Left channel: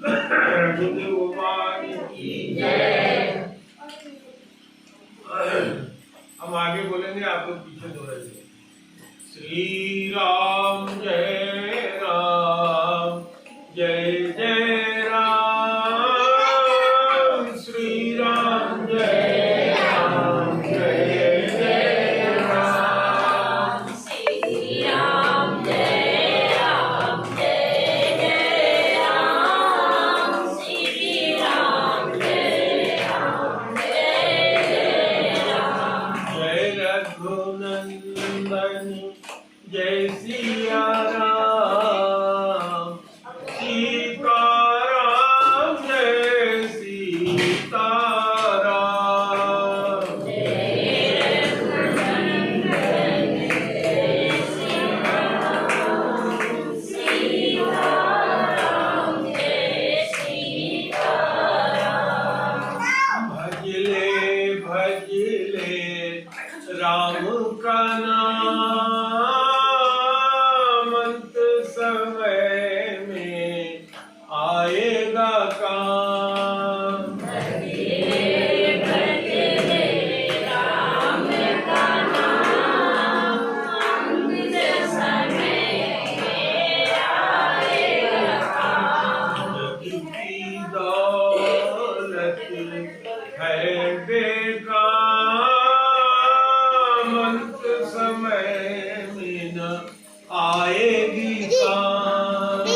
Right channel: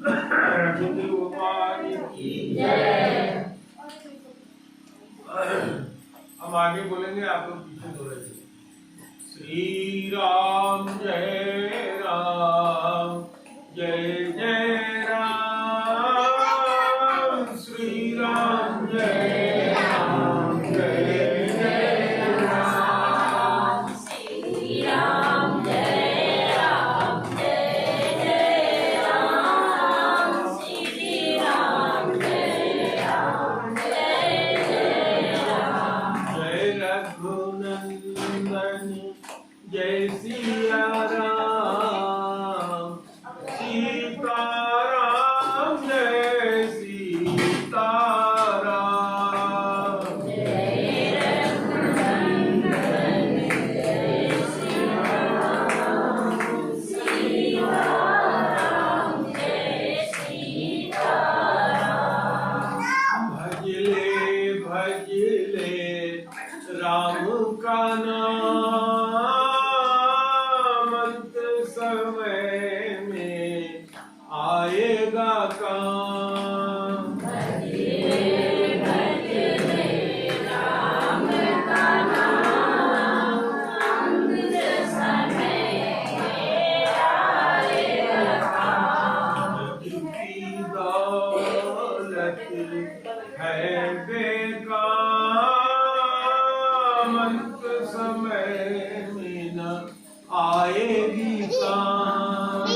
रघुदेव भगवान की जय। हम आगे बोलेंगे, आप लोग पीछे बोलेंगे। श्री राम जय राम, जय जय राम। श्री राम जय राम, जय जय राम। श्री राम जय राम, जय जय राम। श्री राम जय राम, जय जय राम। जय रघुनंदन जय सिया राम, सीताराम जय सीताराम। जय रघुनंदन जय सिया राम, सीताराम जय सीताराम। भजले भजले राम का नाम, अंत समय में आएगा काम। भजले भजले राम का नाम, अंत समय में आएगा काम। की दौलत है बेकार, अंत समय में न आएगी काम।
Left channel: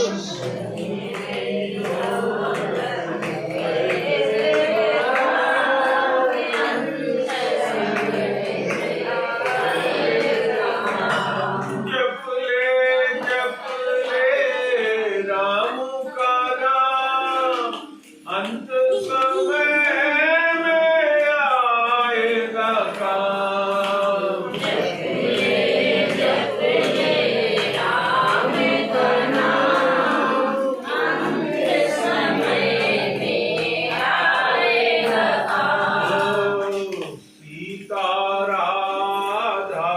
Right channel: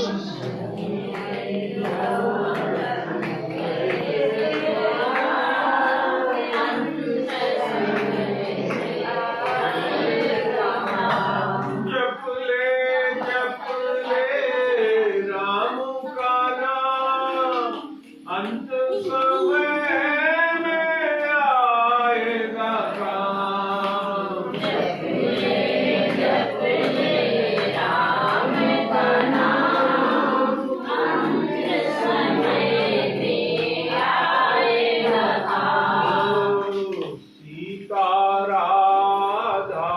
जप ले राम का नाम, अंत समय में आएगा काम। जप ले राम का नाम, अंत समय में आएगा काम। सीता राधा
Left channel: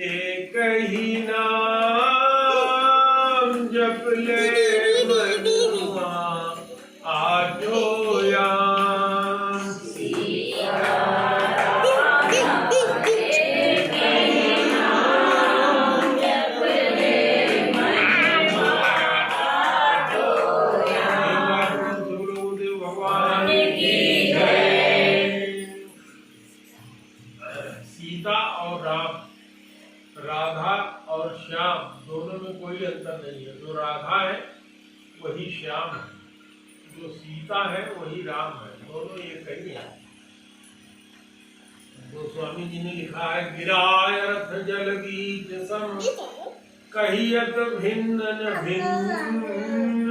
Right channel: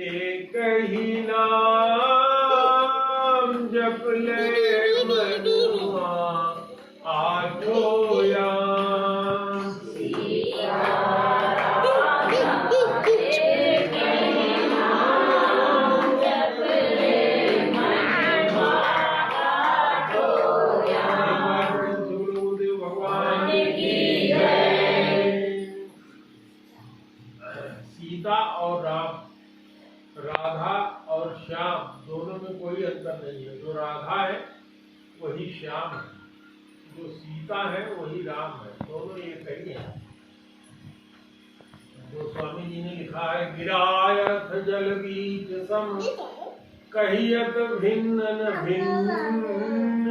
एक ही नाम, जप ले मनुआ आजो याम। सीता राधा एक ही नाम, जप ले मनुआ आजो याम। गुरुदेव भगवान की जय। सीता और राम, राधा और श्याम दोनों में कोई अंतर नहीं है। जो राधा है वही श्याम है, जो सीता है वही राम है, दोनों एक ही है। जो स्वामी जी ने लिखा है, गिरायत जल बीच सम, कहियत भिन्न न भिन्न,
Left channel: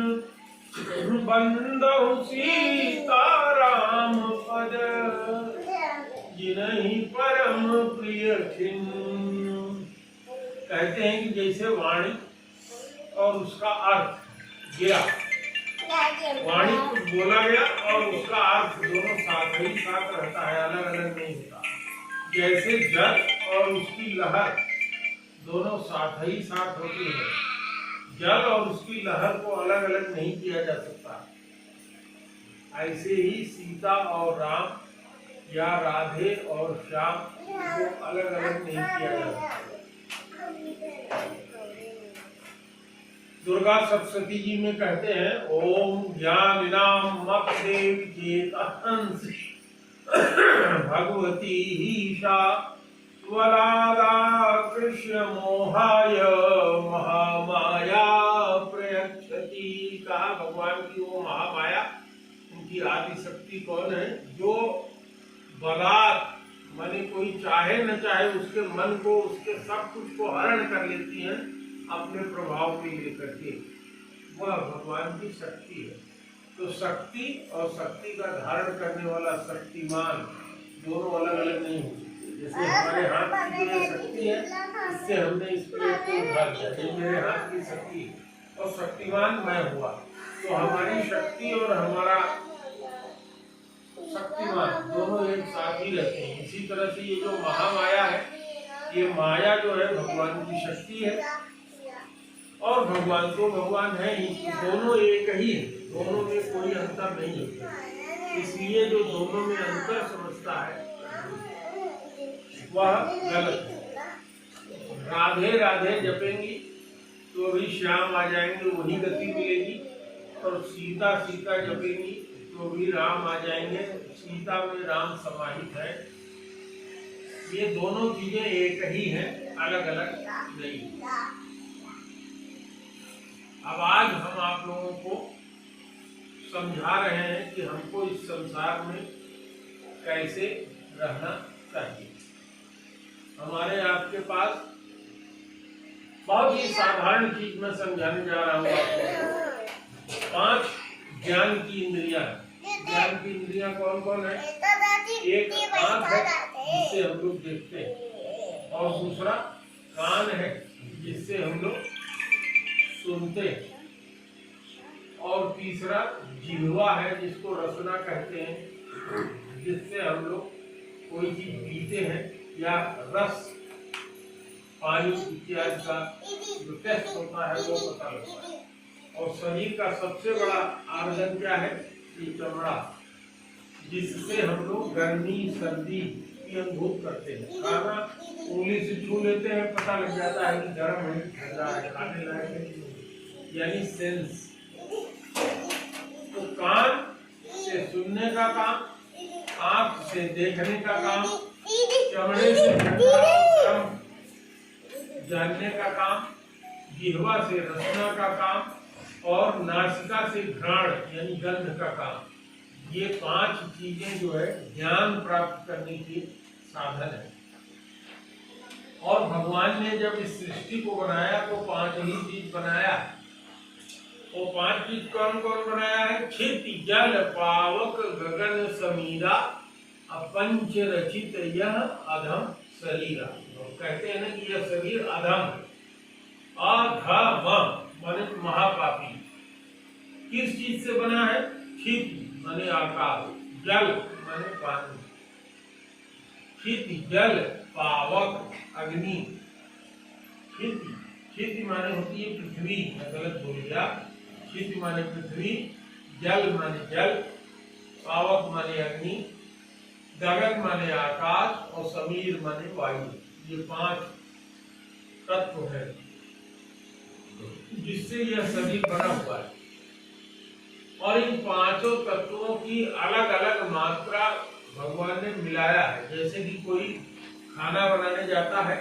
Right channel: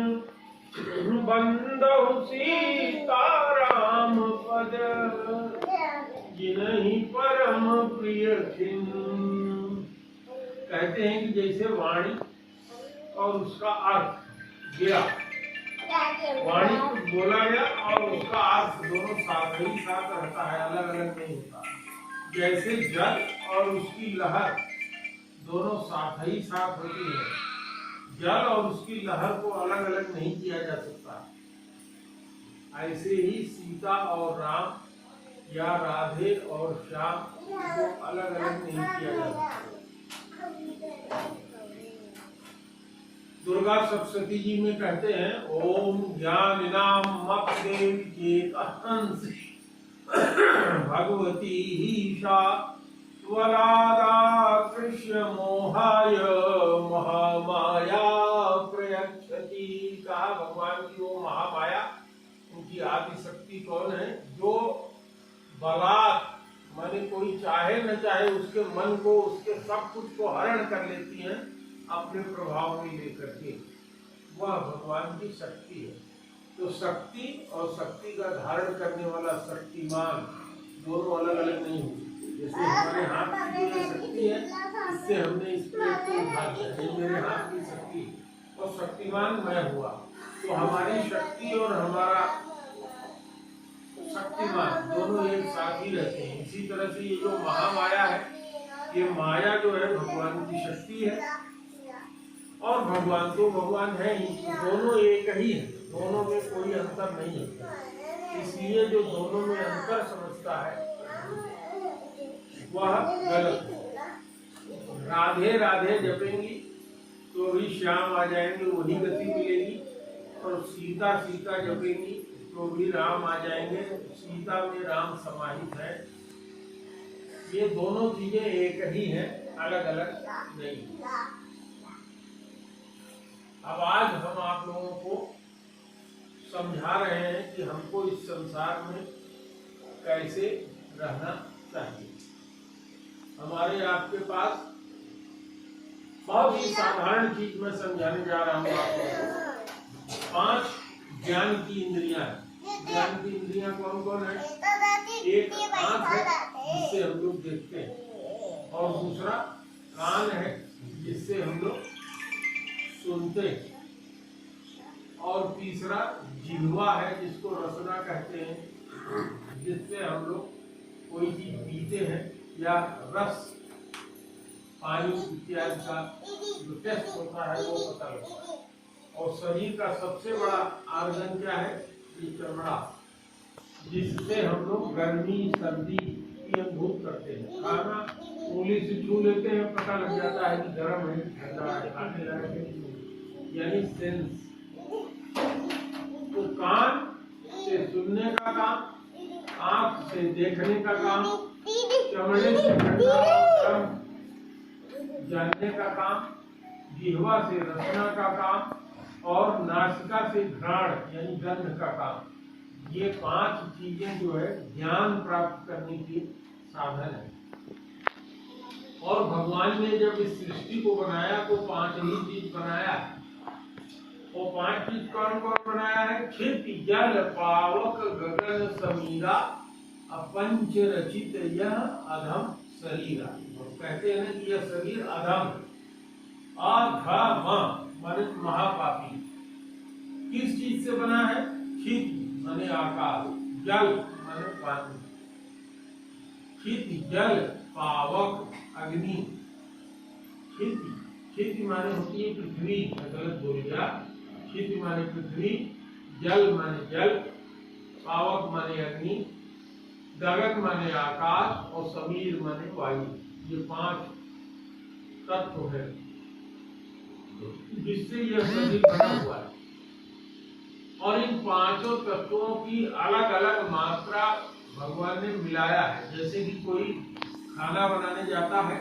बंदहु सीता राम पद, जिनहि परम प्रिय खिन्न। कहते हैं कि जैसे वाणी और उसका अर्थ गिरा, वाणी कुछ बोला गया और उसका अर्थ दोनों साथ ही साथ रहता है, अलग अलग नहीं होता। जैसे जल और उसकी लहर दोनों साथ ही साथ होती है, जल और उसकी लहर को अलग अलग नहीं किया जा सकता। ऐसे ही सीता और राम या राधे और श्याम को अलग अलग नहीं किया जा सकता। दुर्गा सप्तशती जी में कहते हैं, ओम ज्ञानिनाम मपदेव चेतहंसि भगवती ईशा वरादा कृष्ण मोहाय महामाया प्रयच्छति। कहा भगवान की वो महामाया, उनकी आदि शक्ति कौन है? जो बलात् माने कोई चाहे न चाहे उसके मन को, उसके सब कुछ को हरण कर लेती हैं अपने प्रभाव में लेकर के। वह भगवान की शक्ति है। तो शक्ति और शक्ति का धारण करने वाला शक्तिमान दोनों अलग अलग नहीं हो सकते। जैसे हमारे हाथ की जो शक्ति है, इससे हमने इस प्लेट को उठा दिया, ये मेरे हाथ की शक्ति और शक्तिमान मैं हुआ। तो हमारी शक्ति और हमारा शक्तिमान दोनों एक साथ ही रहते हैं। इसी तरह से ये जो महामाया है, ये माया जो है भगवान की शक्ति है और भगवान तो भगवान है ही, दोनों एक ही है, दोनों में कोई अंतर नहीं है। इसलिए जो दोनों में अंतर समझता है वह गलत है। राधे राधे जपेंगी तो भी श्याम आ जाएंगे, वही गति मिलेगी। और सीता सीता जपेंगी तो भी राम आ जाएंगे, सीता में राम समाहित है। ये दोनों चीजें एक ही हैं, अलग अलग नहीं। अब आज हम आप लोगों को समझा रहे हैं कि हमको इस संसार में कैसे रहना चाहिए। हमारे आपके पास बहुत ही साधारण चीज मैं समझाने जा रहा हूँ आपको। 5 ज्ञान की इंद्रियां। ज्ञान की इंद्रियां कौन कौन है? एक आंख है जिससे हम लोग देखते हैं, और दूसरा कान है जिससे हम लोग सुनते हैं, और तीसरा जिह्वा है जिसको रसना कहते हैं, जिससे हम लोग कोई चीज पीते हैं या रस पानी इत्यादि का जो टेस्ट होता है वो पता लगता है। और शरीर का सबसे बड़ा आर्गन क्या है? ये चमड़ा, जिससे हम लोग गर्मी सर्दी की अनुभूत करते हैं। खाना उंगली से छू लेते हैं, पता लग जाता है कि गर्म है ठंडा है, खाने लायक है, यानी सेंस। तो कान से सुनने का काम, आंख से देखने का काम, चमड़े से गर्म जानने का काम, जिह्वा से रसना का काम, और नासिका से घ्राण यानी गंध का काम। ये 5 चीजें जो है ज्ञान प्राप्त करने की साधन है। और भगवान ने जब इस सृष्टि को बनाया तो 5 ही चीज बनाया। वो 5 चीज कौन कौन बनाया है? क्षिति जल पावक गगन समीरा अपंच रचित यह अधम शरीर। कहते हैं ना कि यह शरीर अधम, अधम माने महापापी। किस चीज से बना है? क्षिति माने आकाश, जल माने पानी, क्षिति जल पावक अग्नि। क्षिति क्षिति माने होती है पृथ्वी, गलत बोल गया। क्षिति माने पृथ्वी, जल माने जल, पावक माने अग्नि, गगन माने आकाश, और समीर माने वायु। ये 5 तत्व है जिससे यह शरीर बना हुआ है। और इन 5 तत्वों की अलग अलग मात्रा भगवान ने मिलाया है। जैसे कि कोई खाना बनाने जाता है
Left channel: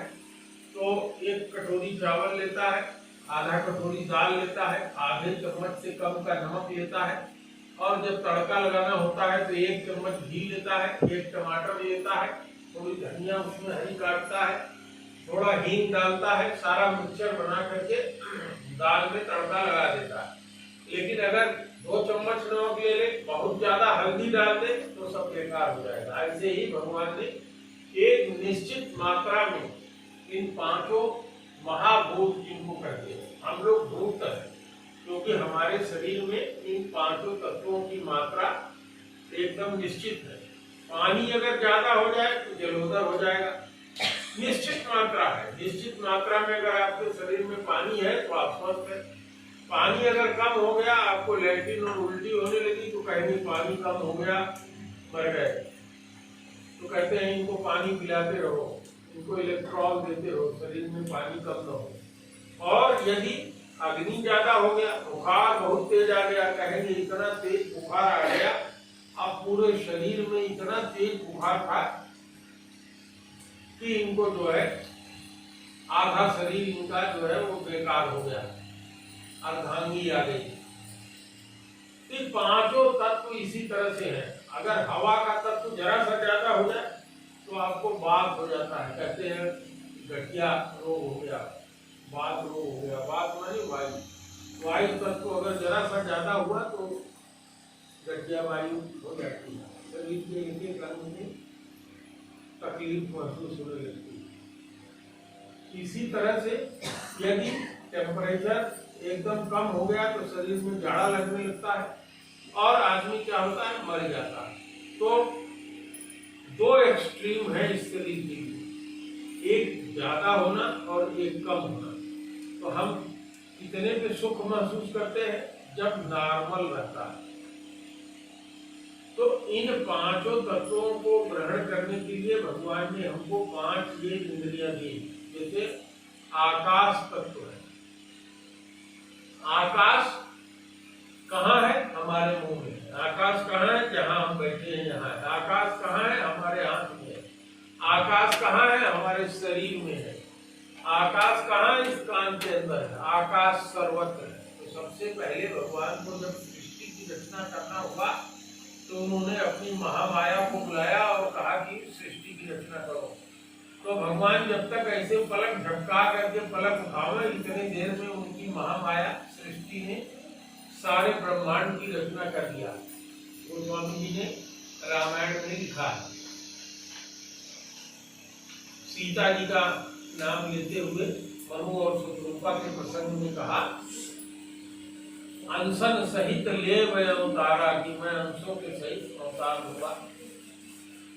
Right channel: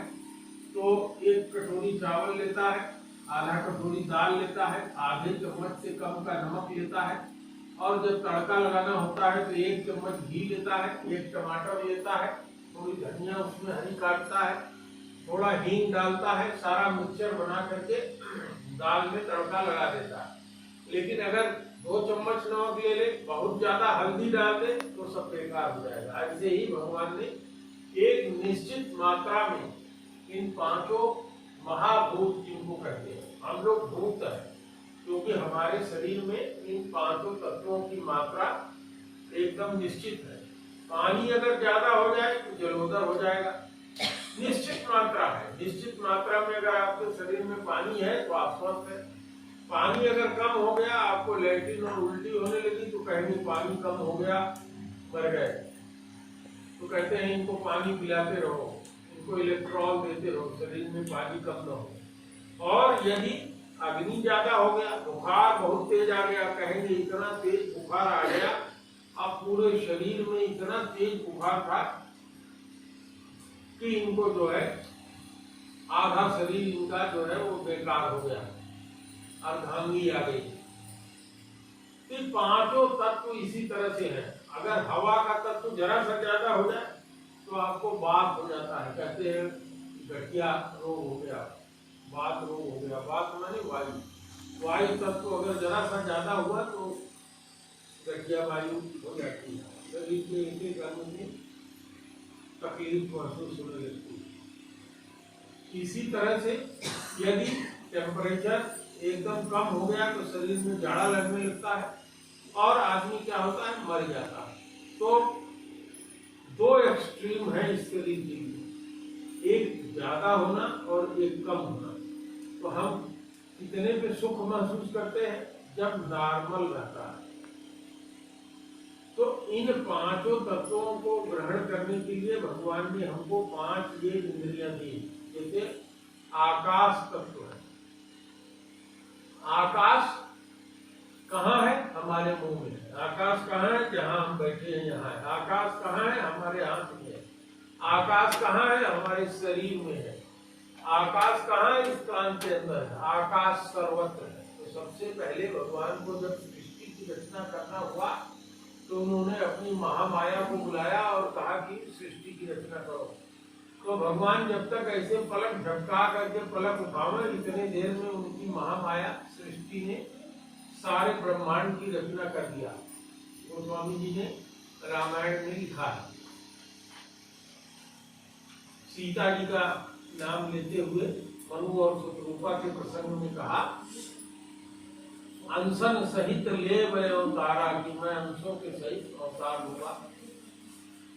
तो 1 कटोरी चावल लेता है, आधा कटोरी दाल लेता है, आधे चम्मच से कम का नमक लेता है, और जब तड़का लगाना होता है तो 1 चम्मच घी लेता है, 1 टमाटर लेता है, थोड़ी धनिया उसमें हरी काटता है, थोड़ा हींग डालता है, सारा मिक्सचर बना करके दाल में तड़का लगा देता है। लेकिन अगर 2 चम्मच नमक ले ले, बहुत ज्यादा हल्दी डाल दे तो सब बेकार हो जाएगा। ऐसे ही भगवान ने एक निश्चित मात्रा में इन 5 महाभूत जिनको कहते हैं, हम लोग भूत है क्योंकि हमारे शरीर में इन 5 तत्वों की मात्रा एकदम निश्चित है। पानी अगर ज्यादा हो जाए तो जलोदर हो जाएगा। निश्चित मात्रा है, निश्चित मात्रा में अगर आपके शरीर में पानी है तो आप स्वस्थ है। पानी अगर कम हो गया, आपको लैट्रिन और उल्टी होने लगी तो कहेंगे पानी कम हो गया, मर गए। तो कहते हैं इनको पानी पिलाते रहो, इनको इलेक्ट्रॉल देते रहो, शरीर में पानी कम न हो। और यदि अग्नि ज्यादा हो गया, बुखार बहुत तेज आ गया, कहेंगे इतना तेज बुखार आ गया, अब पूरे शरीर में इतना तेज बुखार था कि इनको जो है आधा शरीर इनका जो है वो बेकार हो गया, अर्धांगी आ गई। तो 5 तत्व इसी तरह से है। अगर हवा का तत्व जरा सा ज्यादा हो जाए तो आपको बात हो जाता है, कहते हैं गठिया रोग हो गया, बात रोग हो गया। बात मानी वायु, वायु तत्व अगर जरा सा ज्यादा हुआ तो गठिया वायु हो जाती है, शरीर में एक अंग में तकलीफ महसूस होने लगती है। इसी तरह से यदि टेम्परेचर एकदम कम हो गया तो शरीर में जाड़ा लगने लगता है और आदमी क्या होता है, मर जाता है। तो 2 एक्सट्रीम है इस शरीर के लिए, एक ज्यादा होना और एक कम होना। तो हम कितने पे सुख महसूस करते हैं? जब नॉर्मल रहता है। तो इन पांचों तत्वों को ग्रहण करने के लिए भगवान ने हमको 5 ये इंद्रियां दी। जैसे आकाश तत्व है। आकाश कहाँ है? हमारे मुंह में। आकाश कहाँ है? जहाँ हम बैठे हैं यहाँ है। आकाश कहाँ है? हमारे हाथ में है। आकाश कहाँ है? हमारे शरीर में है। आकाश कहाँ है? इस कान के अंदर है। आकाश सर्वत्र है। तो सबसे पहले भगवान को जब सृष्टि की रचना करना हुआ तो उन्होंने अपनी महामाया को बुलाया और कहा कि सृष्टि की रचना करो। तो भगवान जब तक ऐसे पलक झपका करके पलक उठावे, इतने देर में उनकी महामाया सृष्टि ने सारे ब्रह्मांड की रचना कर दिया। गोस्वामी जी ने रामायण में लिखा है। सीता जी का नाम लेते हुए मनु और शत्रुपा के प्रसंग में कहा, अंशन सहित ले वह अवतारा, कि मैं अंशों के सहित अवतार हुआ।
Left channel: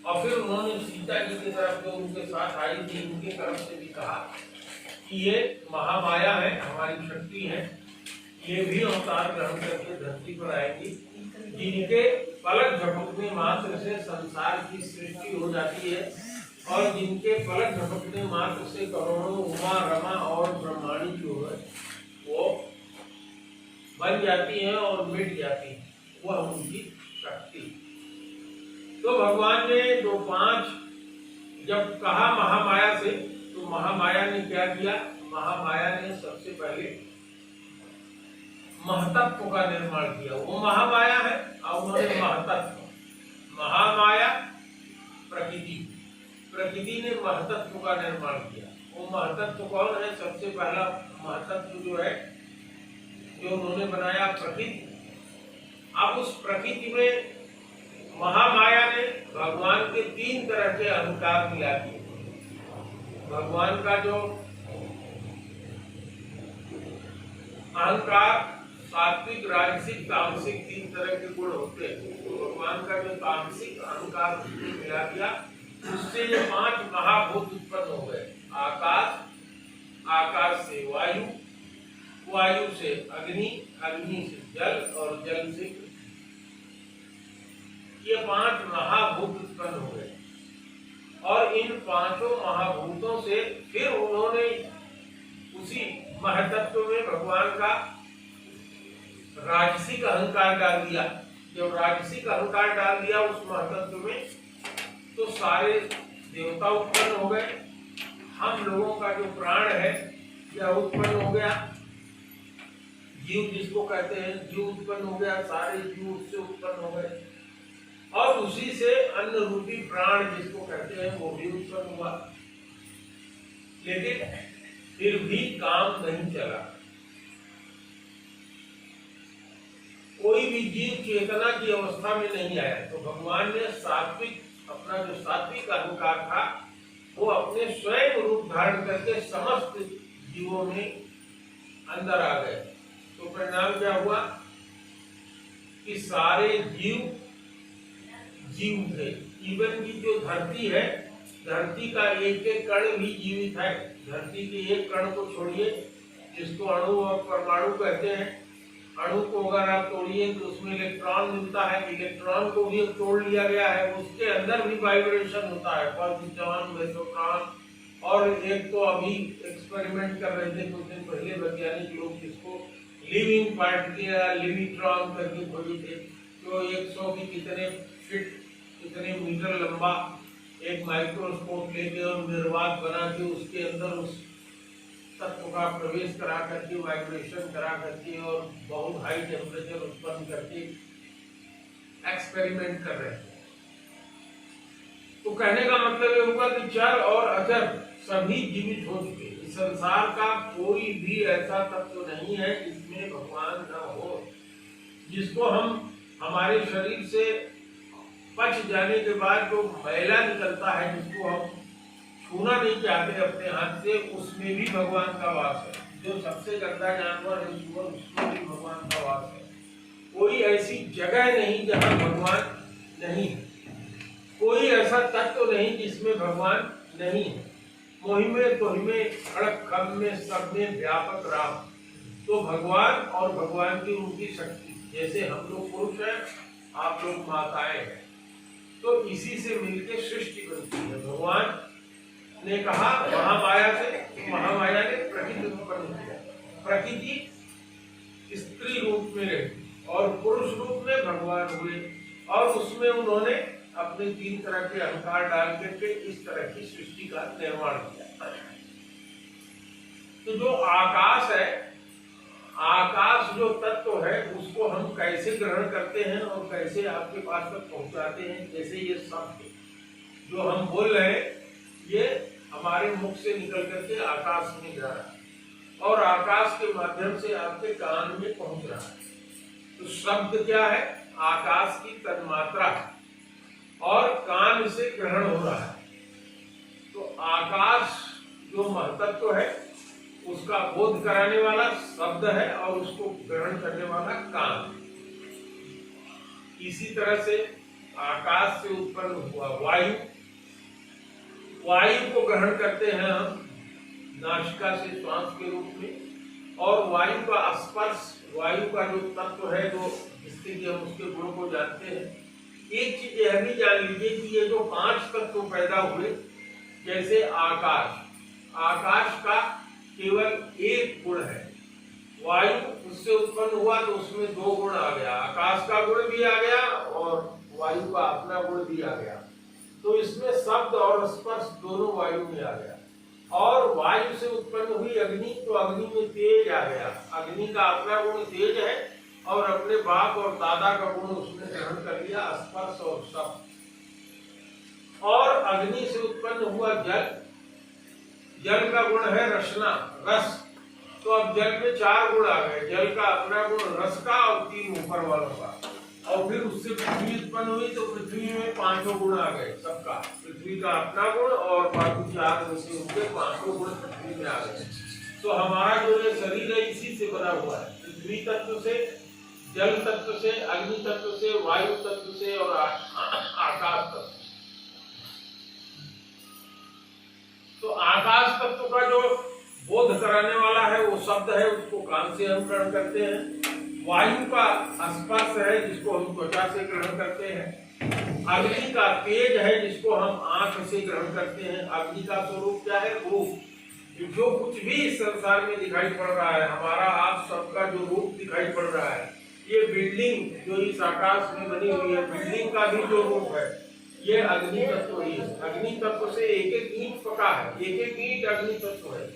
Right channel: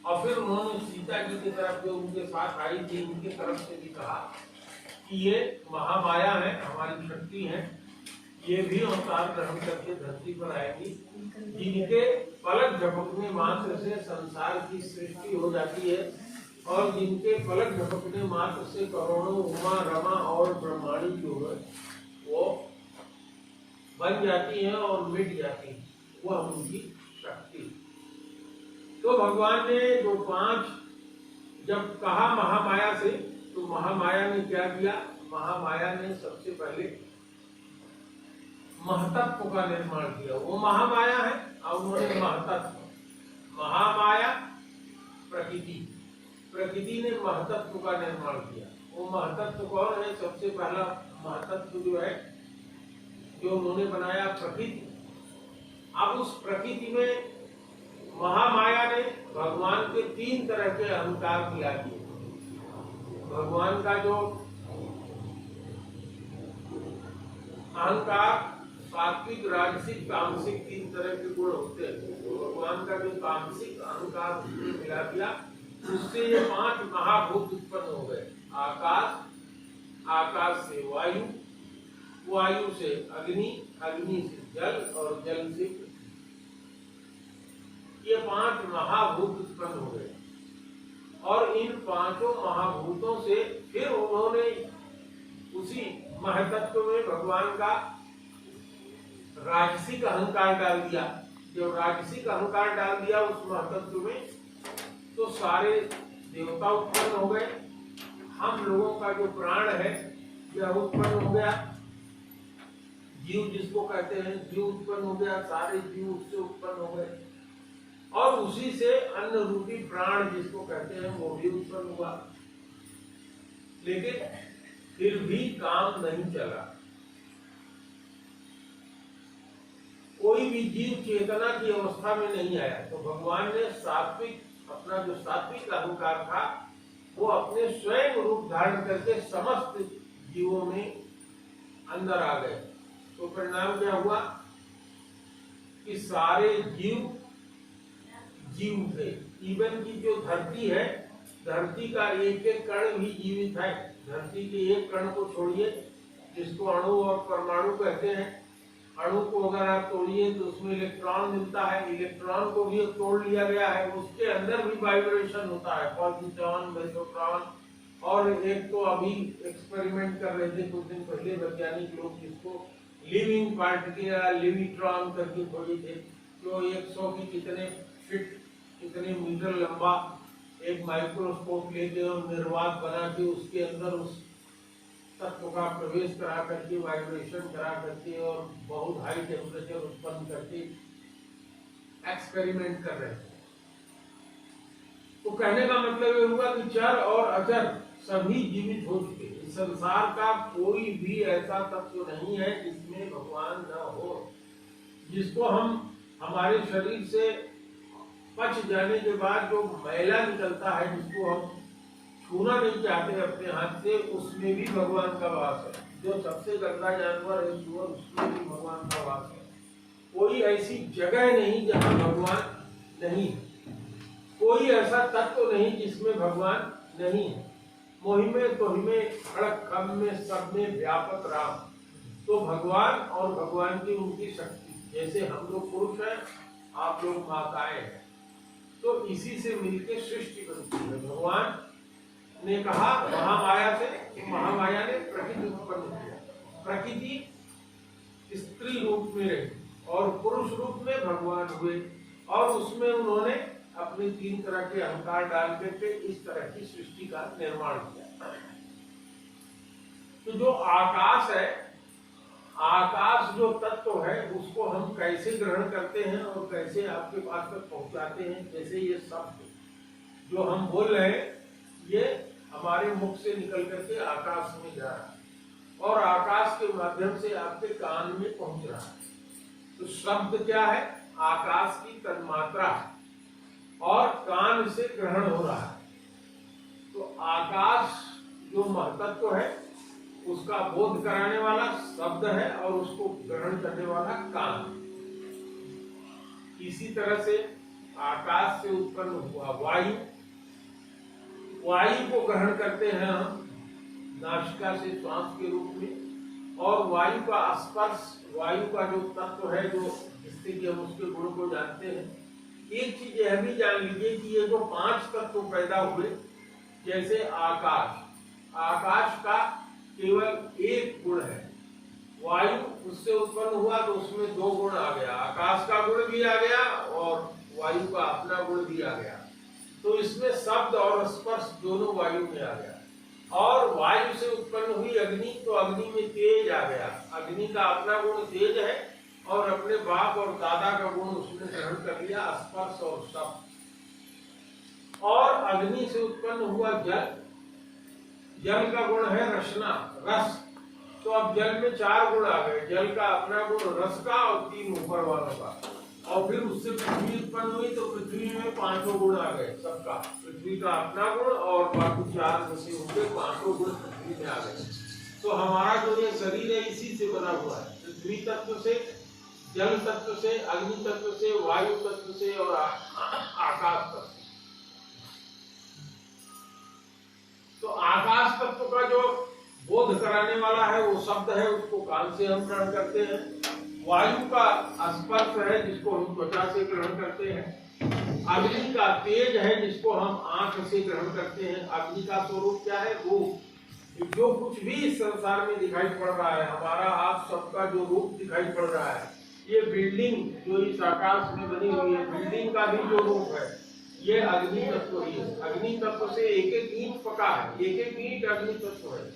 और फिर उन्होंने सीता जी की तरफ जो उनके साथ आई थी उनके तरफ से भी कहा कि ये महामाया है, हमारी शक्ति है, ये भी अवतार ग्रहण करके धरती पर आएगी, जिनके पलक झपकने मात्र से संसार की सृष्टि हो जाती है और जिनके पलक झपकने मात्र से करोड़ों उमा रमा और ब्रह्मांडी जो है वो बन जाती है और मिट जाती है। वह उनकी शक्ति। तो भगवान ने जो 5 जब कहा महामाया से, तो महामाया ने क्या किया? महामाया ने सबसे पहले महतत्व का निर्माण किया। वो महामाया है और उन्होंने महतत्व, महामाया प्रकृति, प्रकृति ने महतत्व का निर्माण किया। वो महतत्व कौन है? सबसे पहला महतत्व जो है जो उन्होंने बनाया प्रकृति। अब उस प्रकृति में महामाया ने भगवान के 3 तरह के अहंकार मिला दिए। भगवान का जो अहंकार सात्विक, राजसिक, तामसिक 3 तरह के गुण होते हैं। तो भगवान का जो तामसिक अहंकार उसने मिला दिया, उससे ये 5 महाभूत उत्पन्न हो गए। आकाश, आकाश से वायु, वायु से अग्नि, अग्नि से जल और जल से ये 5 महाभूत उत्पन्न हो गए। और इन 5 महाभूतों से फिर उन्होंने उसी महतत्व में भगवान का राजसिक अहंकार डाल दिया। जब राजसिक अहंकार डाल दिया उस महतत्व में, तो सारे देवता उत्पन्न हो गए। हम लोगों का जो प्राण है यह उत्पन्न हो गया। जीव जिसको कहते हैं, जीव उत्पन्न हो गया। सारे जीव उससे उत्पन्न हो गए और उसी से अन्न रूपी प्राण जिसको कहते हैं वो भी उत्पन्न हुआ। लेकिन फिर भी काम नहीं चला। कोई भी जीव चेतना की अवस्था में नहीं आया। तो भगवान ने सात्विक, अपना जो सात्विक अहंकार था वो अपने स्वयं रूप धारण करके समस्त जीवों में अंदर आ गए। तो परिणाम क्या हुआ कि सारे जीव जीव थे। इवन की जो धरती है, धरती का एक एक कण भी जीवित है। धरती के एक कण को छोड़िए, जिसको अणु और परमाणु कहते हैं। अणु को अगर आप तोड़िए तो उसमें इलेक्ट्रॉन मिलता है। इलेक्ट्रॉन को भी तोड़ लिया गया है, उसके अंदर भी वाइब्रेशन होता है, पॉजिट्रॉन, मेसोट्रॉन। और एक तो अभी एक्सपेरिमेंट कर रहे थे कुछ दिन पहले वैज्ञानिक लोग, जिसको लिविंग पार्टिकल या लिविट्रॉन करके खोजे थे, जो 100 की कितने फीट, कितने मीटर लंबा एक माइक्रोस्कोप लेके और निर्वात बना के उसके अंदर उस तत्व का प्रवेश करा करके, वाइब्रेशन करा करके और बहुत हाई टेम्परेचर उत्पन्न करके एक्सपेरिमेंट कर रहे थे। तो कहने का मतलब ये हुआ कि चर और अचर सभी जीवित हो चुके। इस संसार का कोई भी ऐसा तत्व नहीं है जिसमें भगवान न हो, जिसको हम हमारे शरीर से पच जाने के बाद जो मैला निकलता है, जिसको हम छूना नहीं चाहते अपने हाथ से, उसमें भी भगवान का वास है। जो सबसे गंदा जानवर है सूअर, उसमें भी भगवान का वास है। कोई ऐसी जगह नहीं जहाँ भगवान नहीं है। कोई ऐसा तत्व नहीं जिसमें भगवान नहीं है। मोहि में तोहि में खड़क खम में सब में व्यापक राम। तो भगवान और भगवान की उनकी शक्ति, जैसे हम लोग पुरुष हैं, आप लोग माताएं हैं, तो इसी से मिलकर सृष्टि बनती है। भगवान ने कहा महामाया से, तो महामाया ने प्रकृति उत्पन्न किया। प्रकृति स्त्री रूप में रही और पुरुष रूप में भगवान हुए, और उसमें उन्होंने अपने 3 तरह के अहंकार डाल करके इस तरह की सृष्टि का निर्माण किया। तो जो आकाश है, आकाश जो तत्व है, उसको हम कैसे ग्रहण करते हैं और कैसे आपके पास तक पहुंचाते हैं। जैसे ये शब्द जो हम बोल रहे हैं, ये हमारे मुख से निकल करके आकाश में जा रहा है और आकाश के माध्यम से आपके कान में पहुंच रहा है। तो शब्द क्या है? आकाश की तन्मात्रा है और कान से ग्रहण हो रहा है। तो आकाश जो महतत्व है, उसका बोध कराने वाला शब्द है और उसको ग्रहण करने वाला कान। इसी तरह से आकाश से उत्पन्न हुआ वायु, वायु को ग्रहण करते हैं हम नासिका से श्वास के रूप में, और वायु का स्पर्श, वायु का जो तत्व है, जो जिससे कि हम उसके गुण को जानते हैं। एक चीज यह भी जान लीजिए कि ये जो 5 तत्व पैदा हुए, जैसे आकाश, आकाश का केवल एक गुण है, वायु उससे उत्पन्न हुआ तो उसमें 2 गुण आ गया, आकाश का गुण भी आ गया और वायु का अपना गुण भी आ गया। तो इसमें शब्द और स्पर्श दोनों वायु में आ गया। और वायु से उत्पन्न हुई अग्नि, तो अग्नि में तेज आ गया। अग्नि का अपना गुण तेज है और अपने बाप और दादा का गुण उसने ग्रहण कर लिया, स्पर्श और शब्द। और अग्नि से उत्पन्न हुआ जल, जल का गुण है रसना, रस। तो अब जल में 4 गुण आ गए, जल का अपना गुण रस का और 3 ऊपर वालों का। और फिर उससे पृथ्वी उत्पन्न हुई तो पृथ्वी में 5 गुण आ गए सबका। पृथ्वी का अपना गुण और बाकी 4 में से उनके 5 गुण पृथ्वी में आ गए। तो हमारा जो ये शरीर है इसी से बना हुआ है, पृथ्वी तत्व से, जल तत्व से, अग्नि तत्व से, वायु तत्व से और आकाश तत्व। तो आकाश तत्व का जो बोध कराने वाला है वो शब्द है, उसको कान से हम ग्रहण करते हैं। वायु का स्पर्श है जिसको हम त्वचा से ग्रहण करते हैं। अग्नि का तेज है जिसको हम आंख से ग्रहण करते हैं। अग्नि का स्वरूप क्या है? रूप। जो कुछ भी इस संसार में दिखाई पड़ रहा है, हमारा आप सबका जो रूप दिखाई पड़ रहा है, ये बिल्डिंग जो इस आकाश में बनी हुई है, बिल्डिंग का भी जो रूप है, ये अग्नि तत्व ही है। अग्नि तत्व से एक ईंट पका है, एक ईंट अग्नि तत्व है।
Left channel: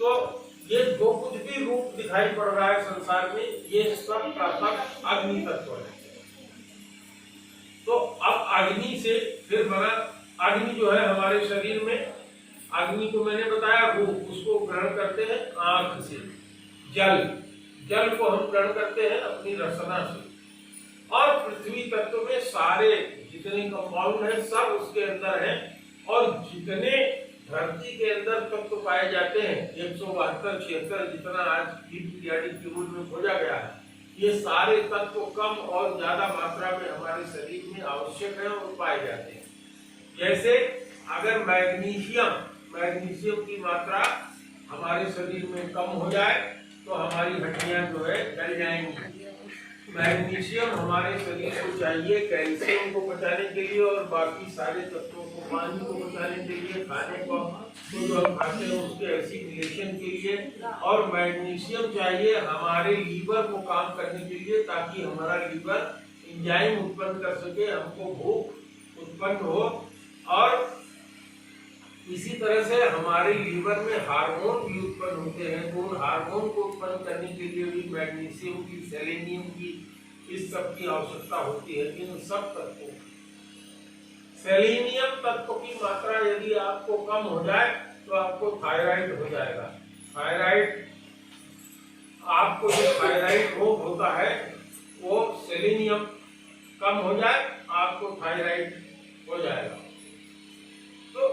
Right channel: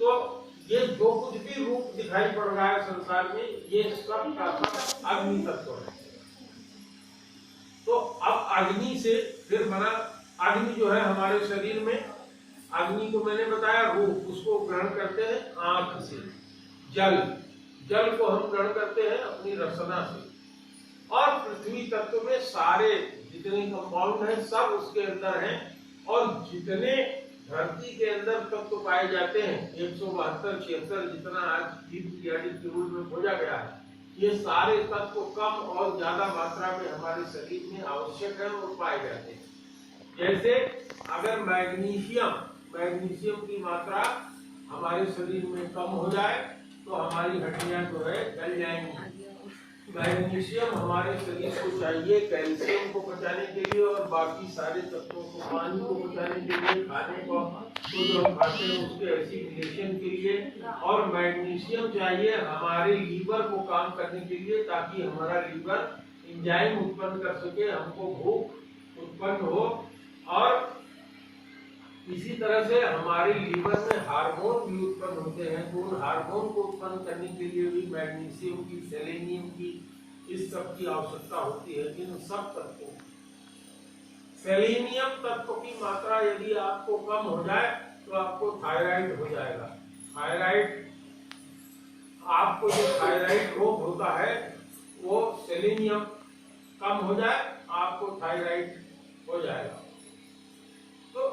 तो ये जो कुछ भी रूप दिखाई पड़ रहा है संसार में, ये सब का सब अग्नि तत्व है। तो अब अग्नि से फिर बना, अग्नि जो है हमारे शरीर में, अग्नि को मैंने बताया रूप, उसको ग्रहण करते हैं आंख से। जल, जल को हम ग्रहण करते हैं अपनी रसना से। और पृथ्वी तत्व में सारे जितने कंपाउंड हैं सब उसके अंदर हैं, और जितने धरती के अंदर तत्व पाए जाते हैं 172, 76 जितना आज पीरियडिक टेबल में खोजा गया है, ये सारे तत्व कम और ज्यादा मात्रा में हमारे शरीर में आवश्यक है और पाए जाते हैं। जैसे अगर मैग्नीशियम की मात्रा हमारे शरीर में कम हो जाए तो हमारी हड्डियां जो है जल जाएंगी। मैग्नीशियम हमारे शरीर को चाहिए कैल्शियम को बचाने के लिए और बाकी सारे तत्वों को, पानी को बचाने के लिए, खाने को तो जो हम खाते हैं उसके एसिडिलेशन के लिए, और मैग्नीशियम चाहिए हमारे लीवर को काम करने के लिए, ताकि हमारा लीवर एंजाइम उत्पन्न कर सके, हमको भूख उत्पन्न हो। और इसी तरह से हमारे लीवर में हार्मोन भी उत्पन्न होते हैं, तो उन हार्मोन को उत्पन्न करने के लिए भी मैग्नीशियम की, सेलेनियम की, इस सब की आवश्यकता होती है। इन सब तत्वों, सेलेनियम तत्व की मात्रा यदि आपको कम हो जाए तो आपको थायराइड हो जाएगा। थायराइड, आपको जो थायराइड रोग होता है वो सेलेनियम कम हो जाए आपको थायराइड हो जाएगा। तो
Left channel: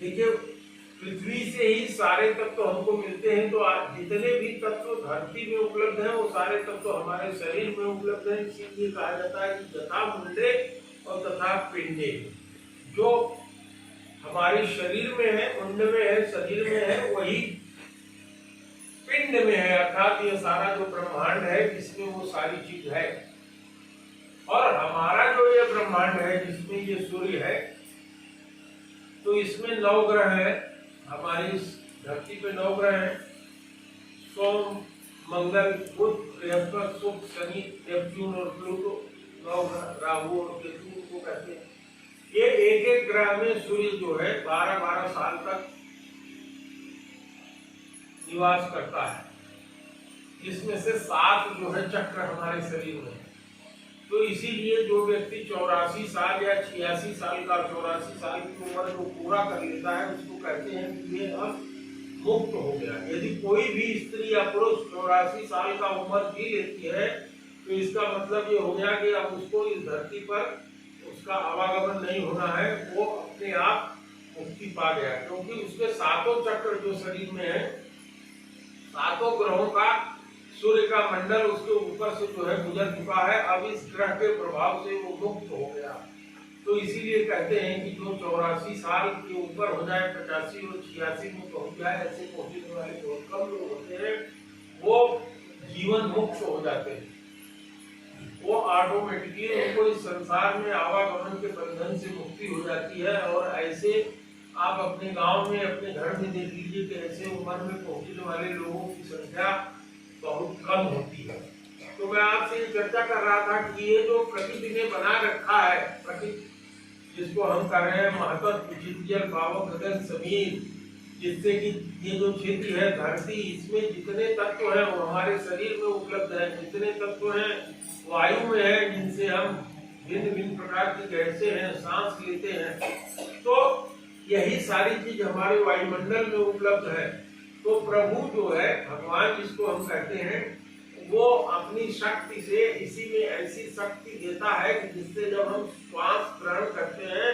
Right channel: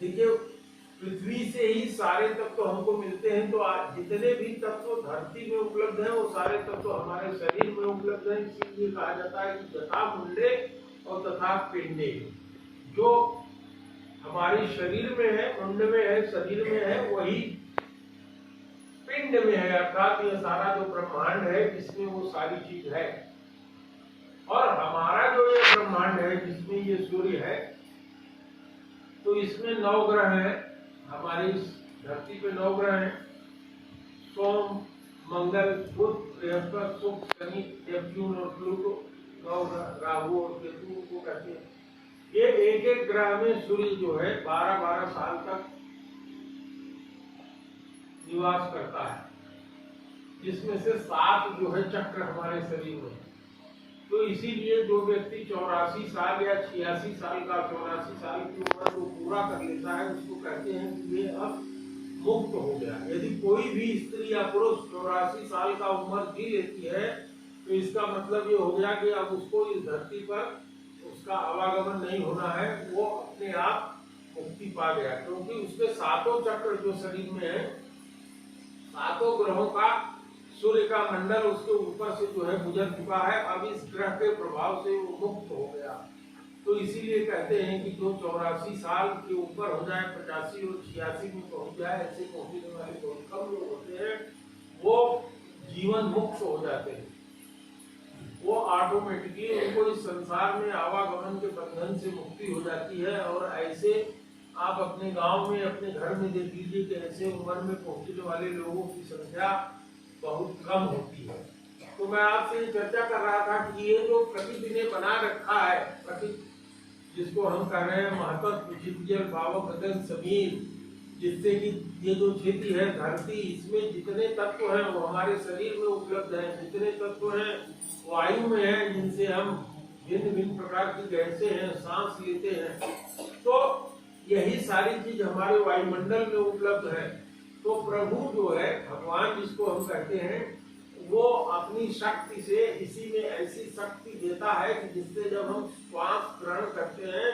देखिए, पृथ्वी से ही सारे तत्व हमको मिलते हैं, तो आज जितने भी तत्व धरती में उपलब्ध हैं वो सारे तत्व हमारे शरीर में उपलब्ध हैं। इसीलिए कहा जाता है कि यथा मुंडे और तथा पिंडे। जो हमारे शरीर में है, मुंड में है, शरीर में है, वही पिंड में है, अर्थात ये सारा जो ब्रह्मांड है इसमें वो सारी चीज है। और हमारा जो ये ब्रह्मांड है जिसमें ये सूर्य है, तो इसमें 9 ग्रह हैं। हमारी इस धरती पे 9 ग्रह हैं, सोम, मंगल, बुध, बृहस्पति, शुक्र, शनि, नेपच्यून और प्लूटो। 9 ग्रह, राहु और केतु को कहते हैं। ये एक एक ग्रह में सूर्य जो है 12-12 साल तक निवास करता है। इसमें से 7 जो है चक्र हमारे शरीर में है। तो इसीलिए जो व्यक्ति 84 साल या 86 साल का 84 साल की उम्र को पूरा कर लेता है उसको कहते हैं कि ये अब मुक्त हो गया। यदि कोई भी स्त्री या पुरुष 84 साल का उम्र जी लेती है तो इसका मतलब ये हो गया कि अब उसको इस धरती पर उसका आवागमन नहीं होना है, वो अपने आप मुक्ति पा गया। क्योंकि उसके 7 चक्र जो शरीर में है, 7 ग्रहों का सूर्य का मंडल उसके ऊपर से जो है गुजर चुका है। अब इस ग्रह के प्रभाव से वो मुक्त हो गया। तो इसीलिए कहते हैं कि जो 84 साल के ऊपर हो जाए, 85 और 86 में पहुंच जाए, ऐसे पहुंचने वाले बहुत कम लोग होते हैं, वो जीवन मुक्त हो जाते हैं। वो ऑटोमेटिकली उनको इस संसार में आवागमन के बंधन से मुक्ति हो जाती है। और ऐसे आप अपने गांव में, अपने घर में देख लीजिए कि ऐसे उम्र में पहुंचने वाले लोगों की संख्या बहुत कम होती है। तो मैं आपसे ये चर्चा कर रहा था कि ये जो प्रकृति ने बना रखा है, प्रकृति जिसको हम कह रहे हैं महत्व, जल, पावक, गगन, समीर, जिससे कि ये जो क्षेत्र है धरती, इसमें जितने तत्व हैं वो हमारे शरीर में उपलब्ध है। जितने तत्व हैं वायु में है, जिनसे हम भिन्न भिन्न प्रकार की गैसें हैं, सांस लेते हैं। तो यही सारी चीज हमारे वायुमंडल में उपलब्ध है। तो प्रभु जो है, भगवान जिसको हम कहते हैं, वो अपनी शक्ति से इसी में ऐसी शक्ति देता है कि जिससे जब हम श्वास ग्रहण करते हैं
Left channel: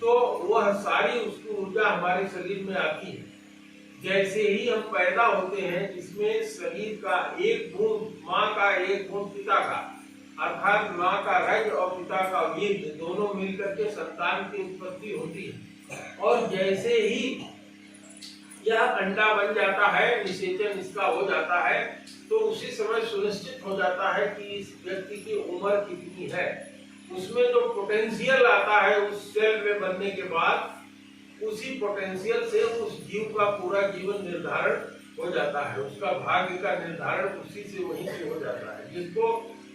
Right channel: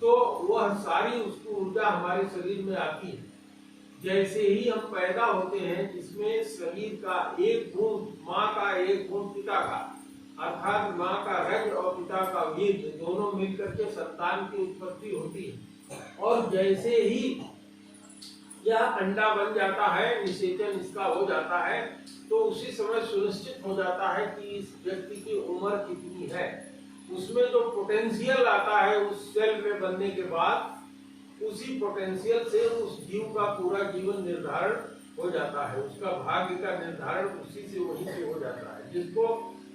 तो वह सारी उसकी ऊर्जा हमारे शरीर में आती है। जैसे ही हम पैदा होते हैं, इसमें शरीर का एक गुण माँ का, एक गुण पिता का, अर्थात माँ का रज और पिता का वीर्य, दोनों मिलकर के संतान की उत्पत्ति होती है। और जैसे ही यह अंडा बन जाता है, निषेचन इसका हो जाता है, तो उसी समय सुनिश्चित हो जाता है कि इस व्यक्ति की उम्र कितनी है। उसमें जो पोटेंशियल आता है उस सेल में बनने के बाद, उसी पोटेंशियल से उस जीव का पूरा जीवन निर्धारण हो जाता है। उसका भाग्य का निर्धारण उसी से, वहीं से हो जाता है। जिसको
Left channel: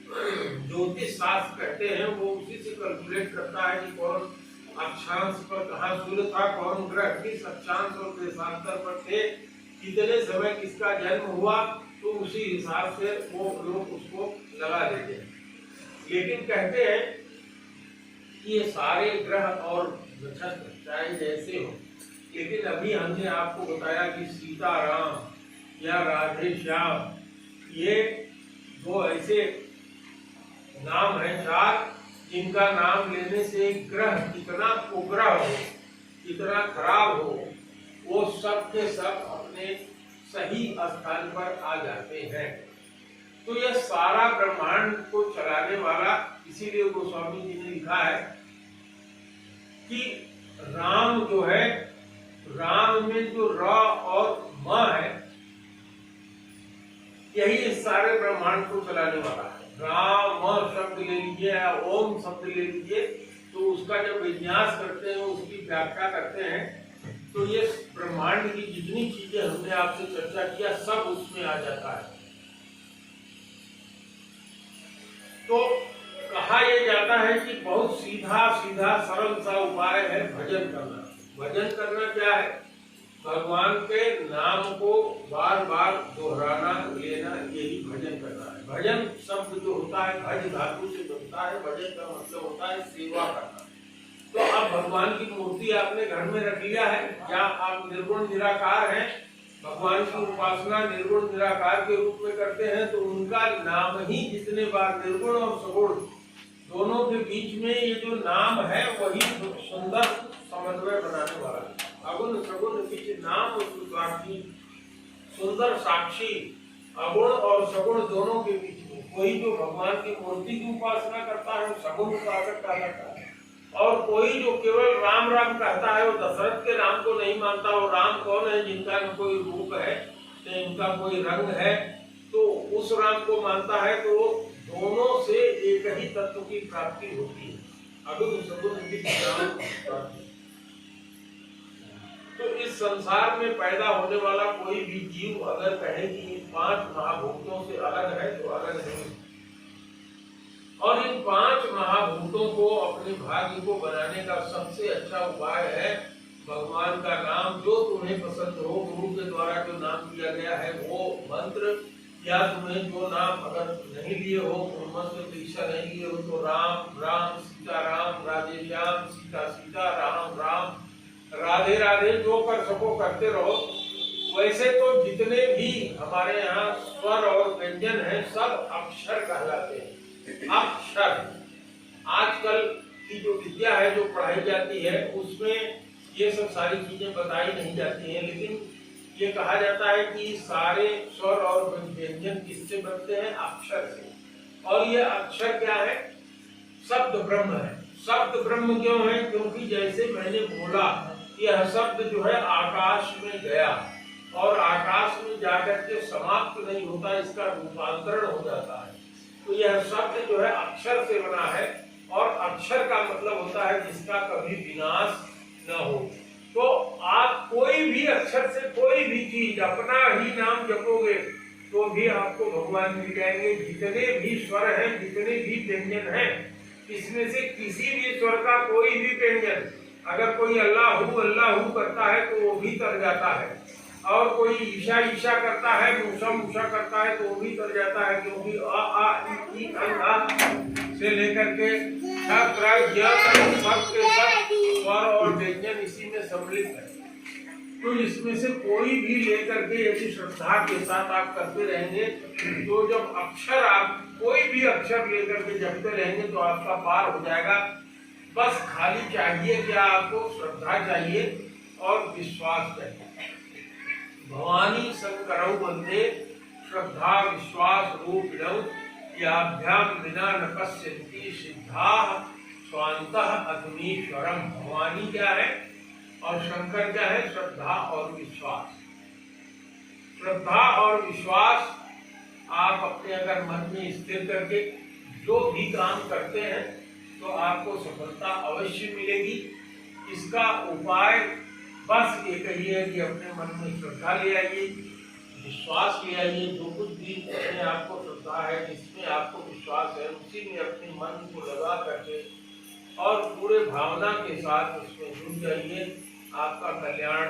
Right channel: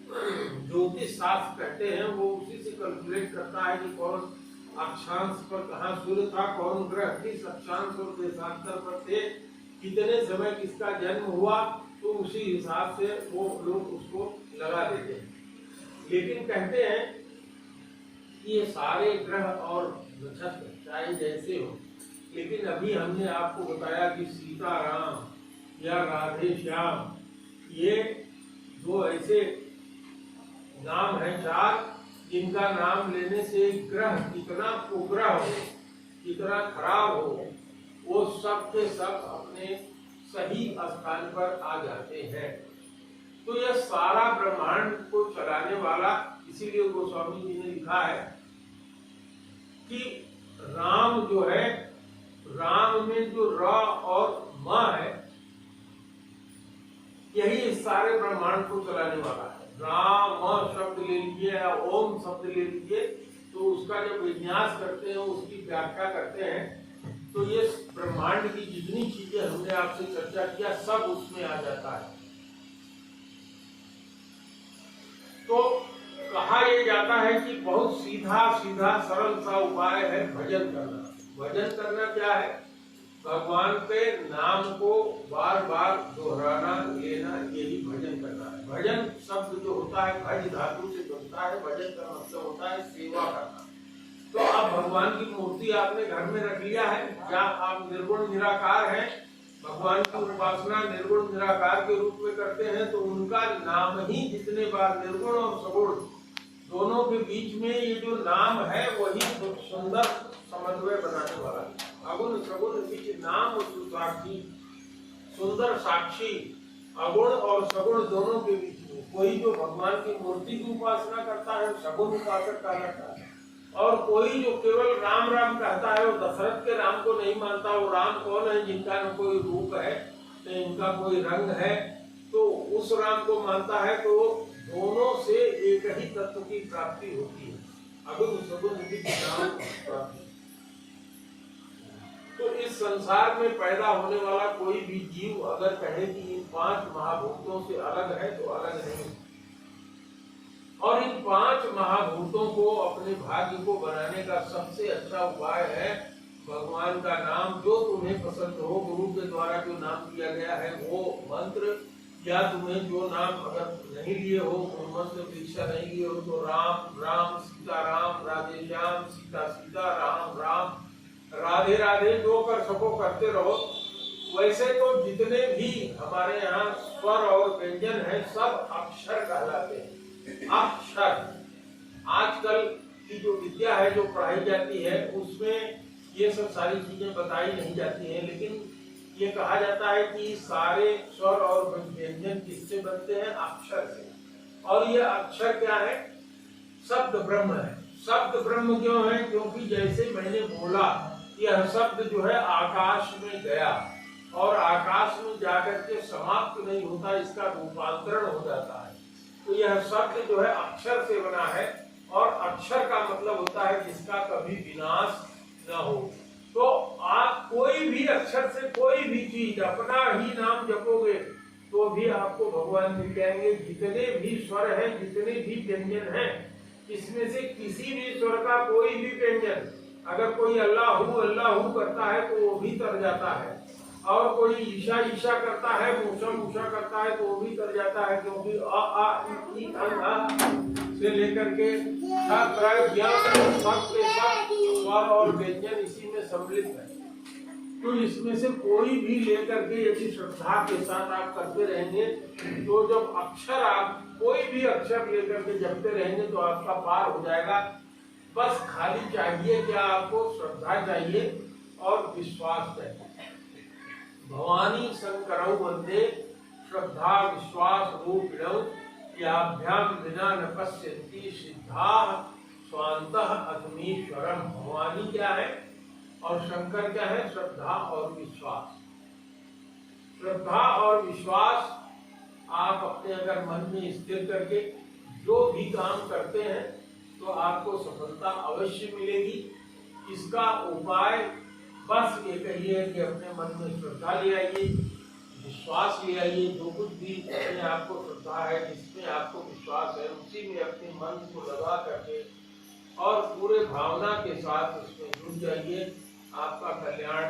ज्योतिष शास्त्र कहते हैं, वो उसी से कैलकुलेट करता है कि कौन अक्षांश पर कहाँ सूर्य था, कौन ग्रह किस अक्षांश और देशांतर पर थे, कितने समय किसका जन्म हुआ, तो उसी हिसाब से वो लोग उसको लगा देते हैं। लेकिन कहते हैं कि ये सारे ग्रह और नक्षत्र चाहे जैसे हो, लेकिन अभी हमने आपको बताया कि सीताराम या राधे श्याम, ये 2 ऐसे नाम है 4, जिनका नाम लेने से ग्रह कितना कुग्रह हो, कितना खराब हो, वो सब के सब अपने सही स्थान पर आ जाते हैं। तो यह सारा ब्रह्मांड को चलाने वाला, इसीलिए गोस्वामी जी ने लिखा है कि राम जो है, राम में जो र और म है, यही इस सारे ब्रह्मांड को चलाने वाला है। राम शब्द ले लीजिए या ओम शब्द ले लीजिए, तो उसका जब विन्यास करते हैं, उसकी व्याख्या करते हैं, तो ये ब्रह्मांड की जितनी चीजें हमने आपसे चर्चा किया सब उसमें आ जाता है। तो कहा यह जाता है कि बहुत सीधा सीधा सरल सा उपाय है भजन करना। भजन करना क्या है? भगवान के नाम को बार बार दोहराना, लेना, यही भजन करना है। भजन शब्द जो होता है भज धातु से बनता है। भजन का मतलब होता है सेवा करना। तो अब भगवान की मूर्ति आपने घर में रख लिया है, या आप निर्गुण निराकार हैं, भगवान की उपासना निर्गुण निराकार के रूप में करते हैं, तो उनका नाम ही जितने बार, निर्गुण और सगुण दोनों के बीच में ये जो नाम है वही सुंदर समन्वय बनाने वाला है। अगुण सगुण बीच नाम साक्षी, सुंदर साक्षी, अगुण और सगुण दोनों के बीच में। कोई जो भगवान की मूर्ति की उपासना करता है सगुण उपासक कहलाता है, और कोई जो केवल राम राम कहता है वो दशरथ के राम को नहीं मानता। वो राम कौन है? जिनका न कोई रूप है, से इनका कोई रंग है, तो उस राम को मानता है तो दोनों से एक ही तत्व की प्राप्ति होती है, अगुण सगुण राम प्राप्ति। तो इस संसार में पैदा होने वाला कोई भी जीव अगर कहे कि इन 5 महाभूतों से अलग है तो अलग नहीं। और इन 5 महाभूतों को अपने भाग्य को बनाने का सबसे अच्छा उपाय है भगवान का नाम, जो तुम्हें पसंद हो। गुरु के द्वारा जो नाम दिया गया है वो मंत्र, या तुम्हें जो नाम अगर नहीं लिए हो, मंत्र दीक्षा नहीं लिए हो, तो राम राम, सीता राम, राधे श्याम, सीता सीता, राम राम, राधे राधे, जो कर सको करते रहो। वैसे तो जितने भी हमारे यहाँ स्वर और व्यंजन है सब अक्षर कहलाते हैं। अक्षर आजकल की जो विद्या है, जो पढ़ाई जाती है, उसमें ये सब सारी चीजें बताई नहीं जाती हैं, लेकिन ये कहा जाता है कि सारे स्वर और व्यंजन किससे बनते हैं? अक्षर से। और ये अक्षर क्या है? शब्द ब्रह्म है। शब्द ब्रह्म क्यों है? क्योंकि जैसे मैंने बोला, यह शब्द जो है आकाश में गया और आकाश में जाकर के समाप्त नहीं होता, इसका रूपांतरण हो जाता है। तो यह शब्द जो है अक्षर से बना है, और अक्षर का मतलब होता है जिसका कभी विनाश न हो। तो आप कोई भी अक्षर से कोई भी चीज, अपना ही नाम जपोगे तो भी आपको भगवान मिल जाएंगे। जितने भी स्वर हैं, जितने भी व्यंजन हैं, इसमें से किसी भी स्वर का कोई भी व्यंजन, अगर कोई अल्लाहू करता है तो वो भी तर जाता है, और कोई ईशा ईशा करता है, मूसा मूसा करता है तो वो भी तर जाता है, क्योंकि अ आ इ से लेकर के सब स्वर और व्यंजन इसी में सम्मिलित है। तो इसमें से कोई भी लेकर के यदि श्रद्धा के साथ आप करते रहेंगे, तो जब अक्षर आप कोई भी अक्षर लेकर के जपते रहेंगे तो आपका पार हो जाएगा। बस खाली चाहिए क्या? आपको श्रद्धा चाहिए और विश्वास चाहिए। भवानी शंकरौ वंदे श्रद्धा विश्वास रूपिणौ, याभ्याम विना न पश्यन्ति सिद्धाः स्वान्तः अग्नीश्वरम्। भवानी क्या है और शंकर क्या है? श्रद्धा और विश्वास। श्रद्धा और विश्वास आप अपने अगर मन में स्थिर करके जो भी काम करते हैं तो आपको सफलता अवश्य मिलेगी। इसका उपाय बस एक ही है कि अपने मन में श्रद्धा ले आइए, विश्वास ले आइए। जो कुछ भी अपने आपको श्रद्धा है, जिसमें आपको विश्वास है, उसी में अपने मन को लगा करके और पूरे भावना के साथ उसमें जुट जाइए, आपका कल्याण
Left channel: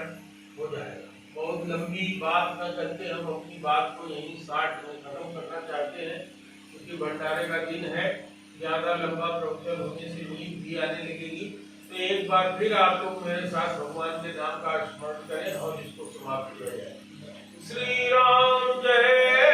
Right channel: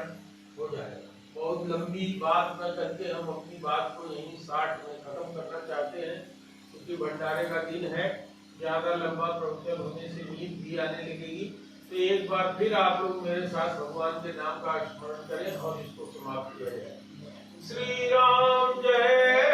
हो जाएगा। बहुत लंबी बात न करके हम अपनी बात को यहीं 60 में खत्म करना चाहते हैं, क्योंकि भंडारे का दिन है। ज्यादा लंबा प्रवचन होने से नींद भी आने लगेगी। तो एक बार फिर आप लोग मेरे साथ भगवान के नाम का स्मरण करें और इसको समाप्त किया जाए। श्री राम जय